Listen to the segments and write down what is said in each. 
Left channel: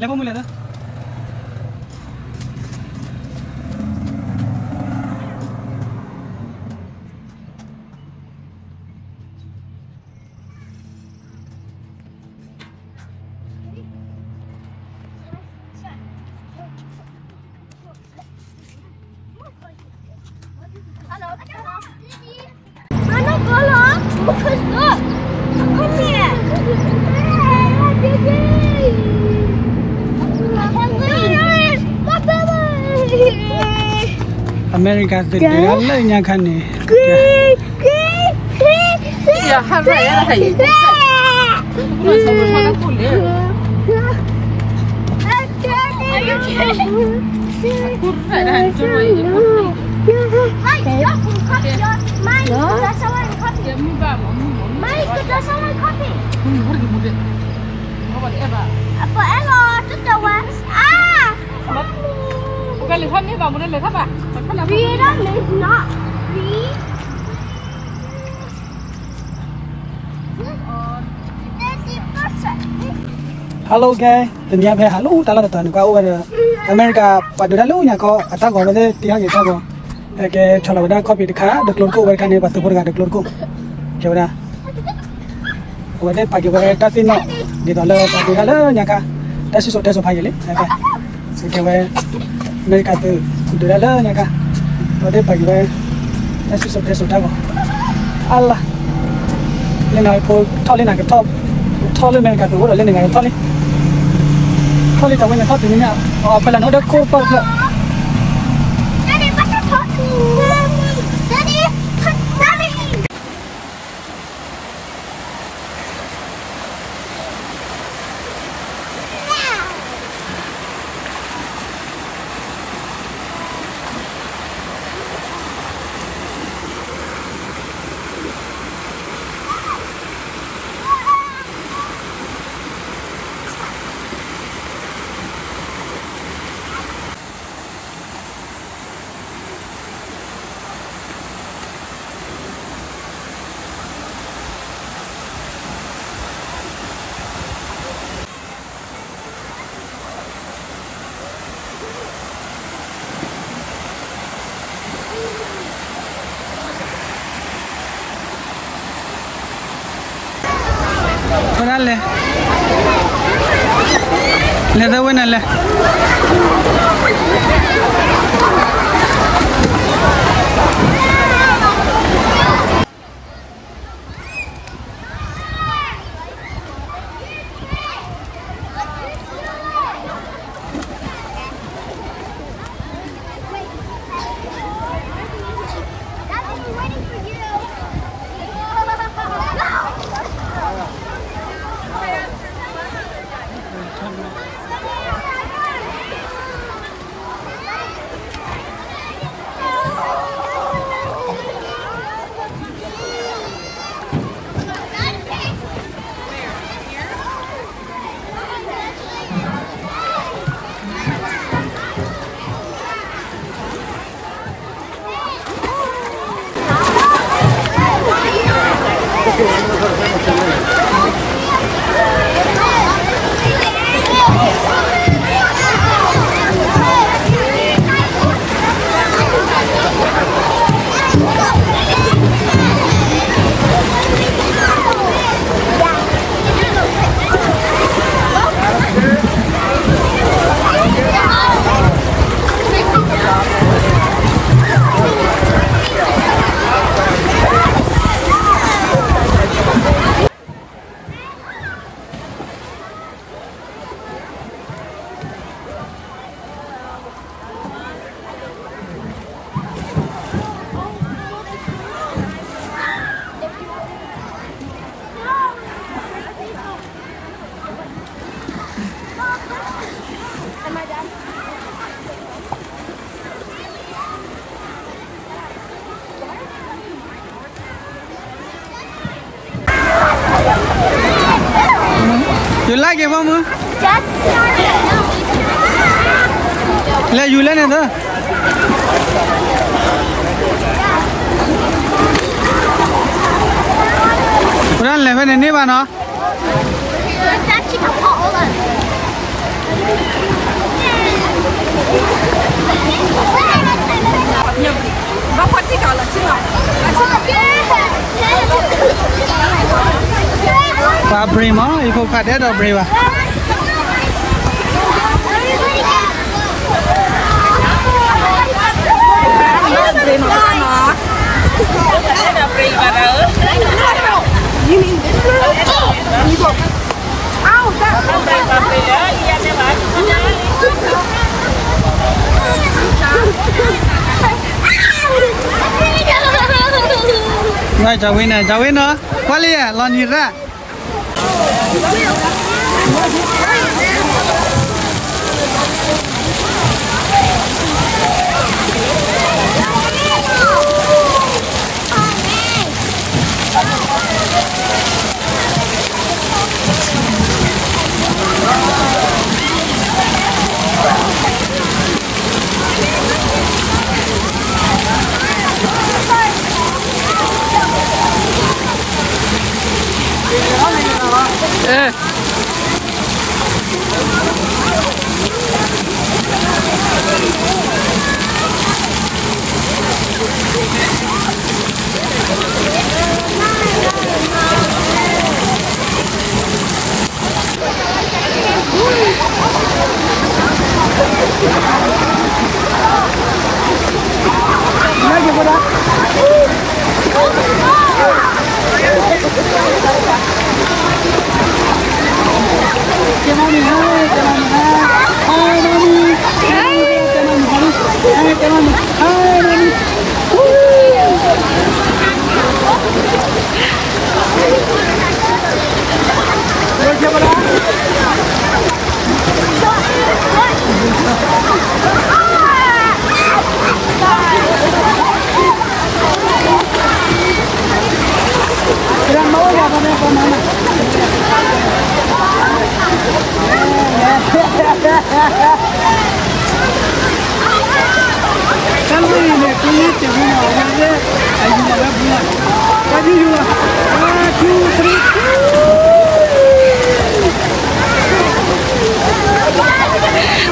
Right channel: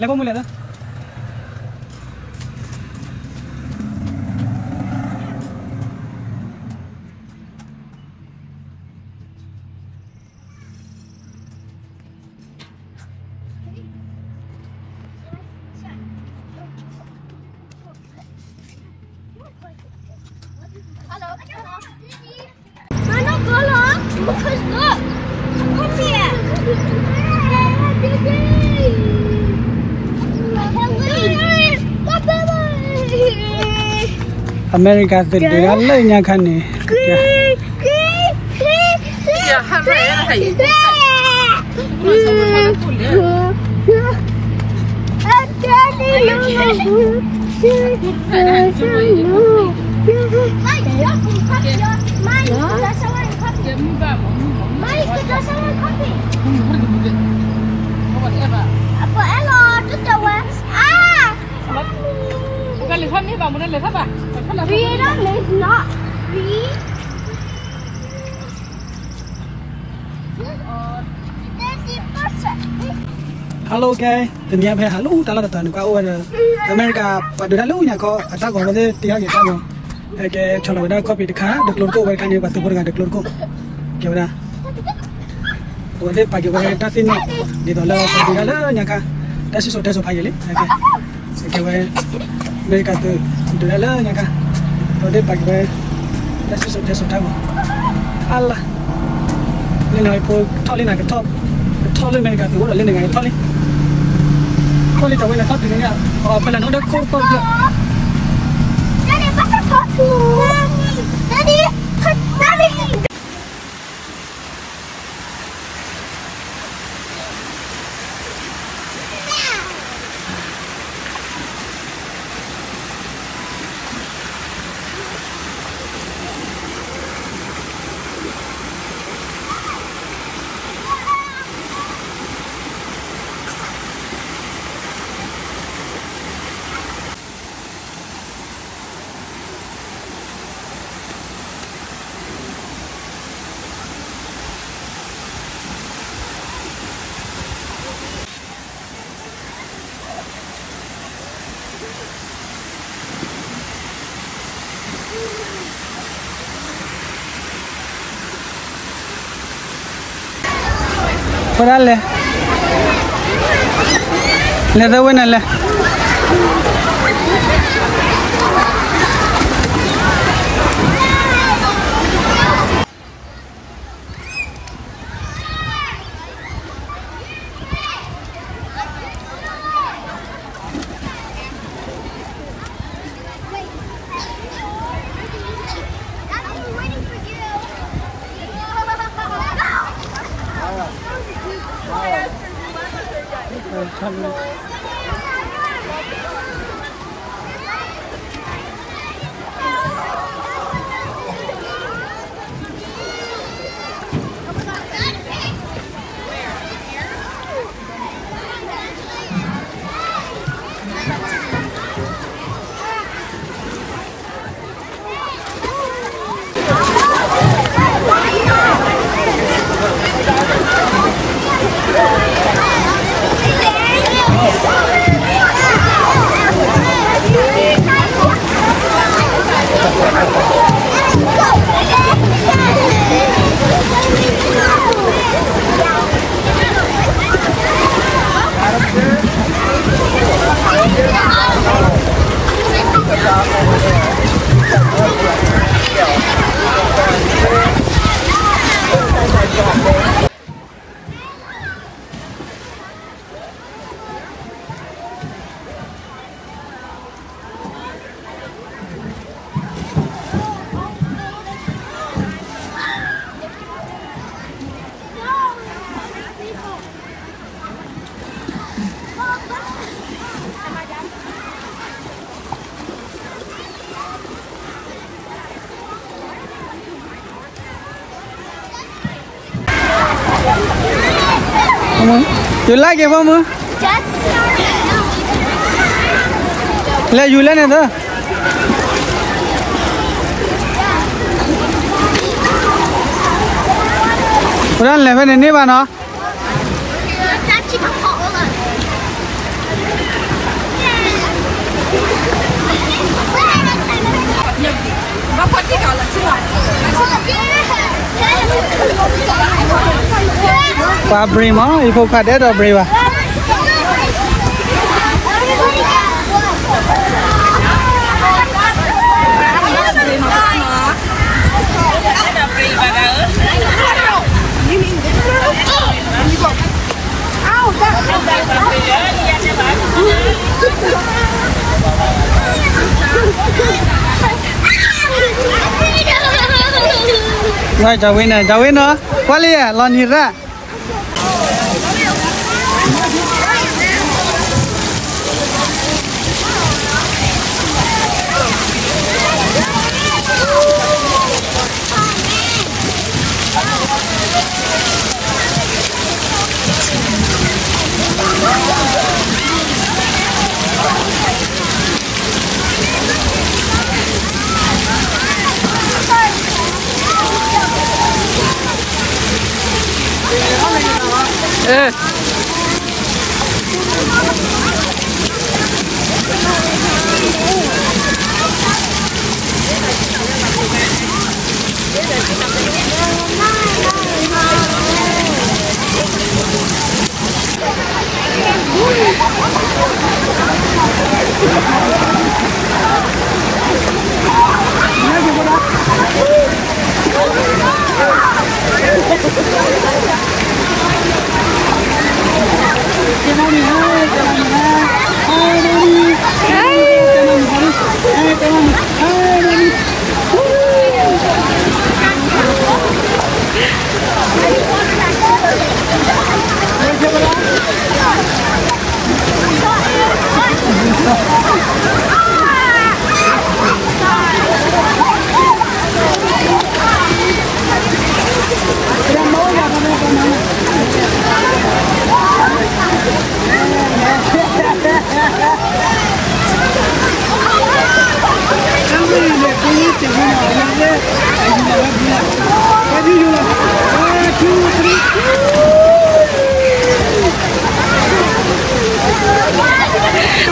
Lấy bông mày đó. Mana kalau? Bukan look. Come here. America từ đó lấy nhà khăn này. Apa elo tu jawab. Bukan lihat ni bang, bukan lihat apa? We don't live not. We. Hello guys, tình nhà về hello, ta là tận qua ở America, và từ đó lúc nhà có, ta có vấn đề tiếng gì ta có, cái cho là vấn đề copy được khá, được luôn cô vậy cái này và từ vừa được luôn cô, kiểu đó, vấn đề phải kiểu vậy ta tin nó, đi đó là từ đó là nhà cả, ta sẽ số phải vậy, kiểu vậy, America từ đó là nhà cả, vấn đề phải vậy, ta sẽ số ta có, Allah, lên này cô thao lên này cái thao lên America từ đó lên này thao lên. Thôi trong cái này thoát thì như nào? Phải là nó đã khô không được. Daddy, bắt nó thoát đi. Daddy, Daddy. Dale. Le da buena la. You like it, Mama? Just Let you learn it, huh? Run, level in Niba, no? Bà quạt đi cả là chưa? Pa primo, ipo kade do priva. Rồi chào Win nữa. Quá li à, lon hit ra. Ê.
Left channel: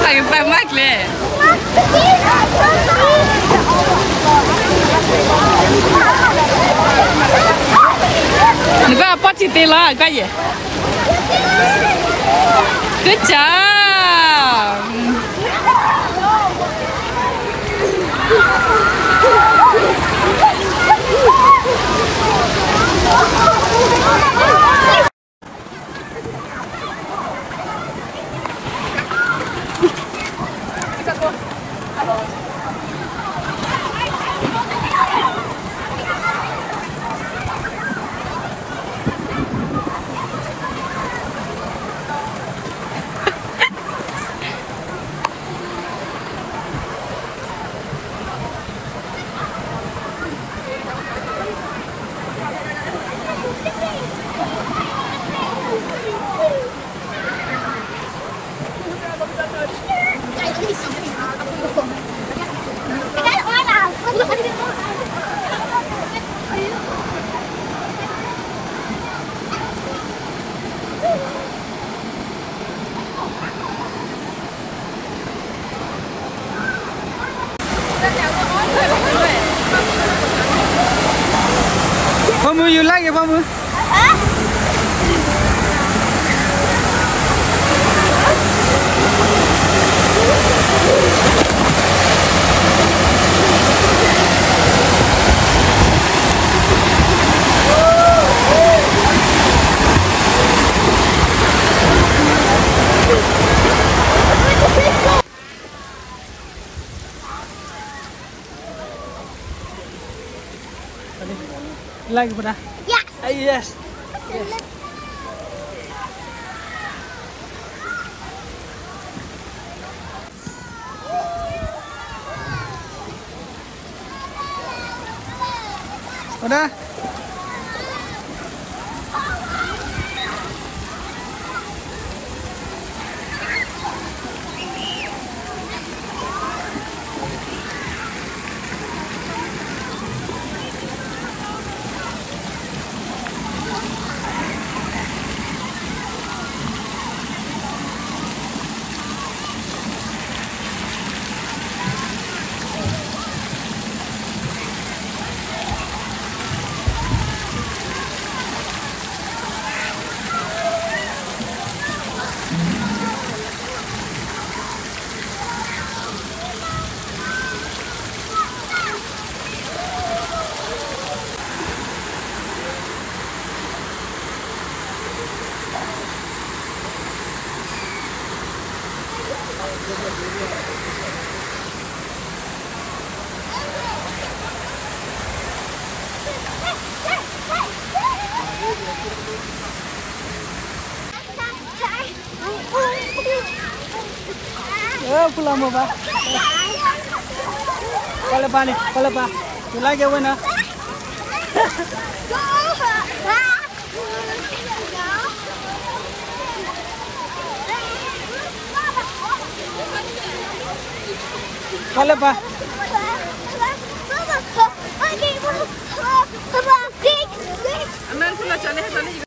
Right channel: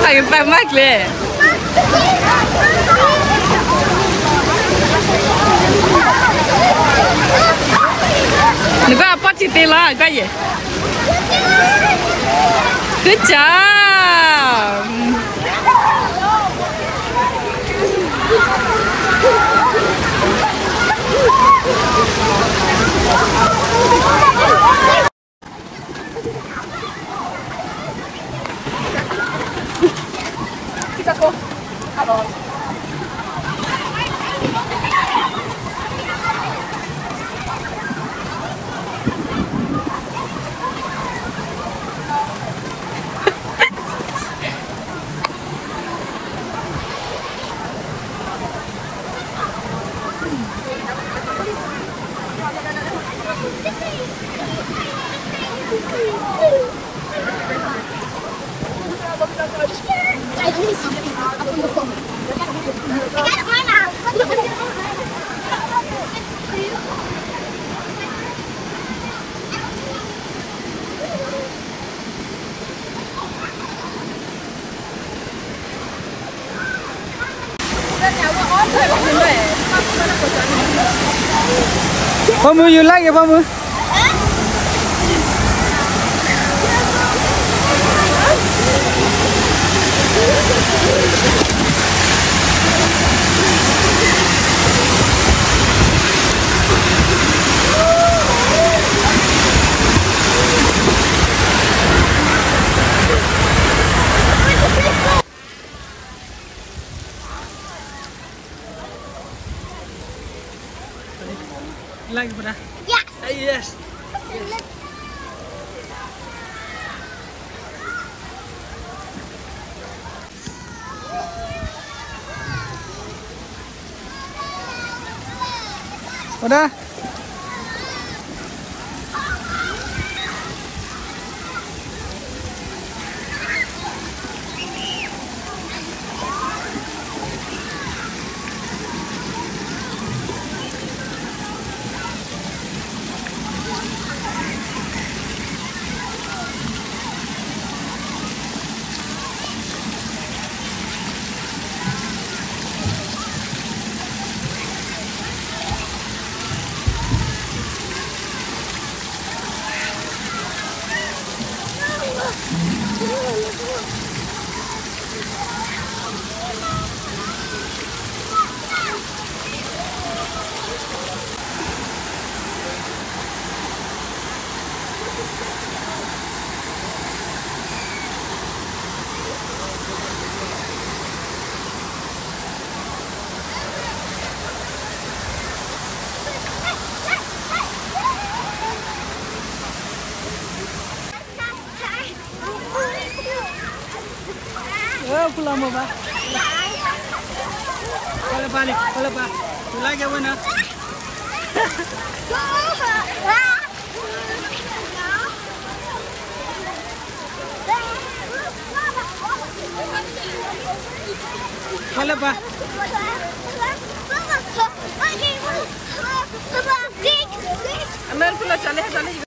Ai ba mắc lẹ. Người ta bắt chị tê la cái gì? Good job. Pamu, you like it, Pamu? Like it, Buddha? Yes. Yes. Buddha? pulang mau ba? Kalau ba? Tu lagi mana? Kalau ba? अंदर से चले चले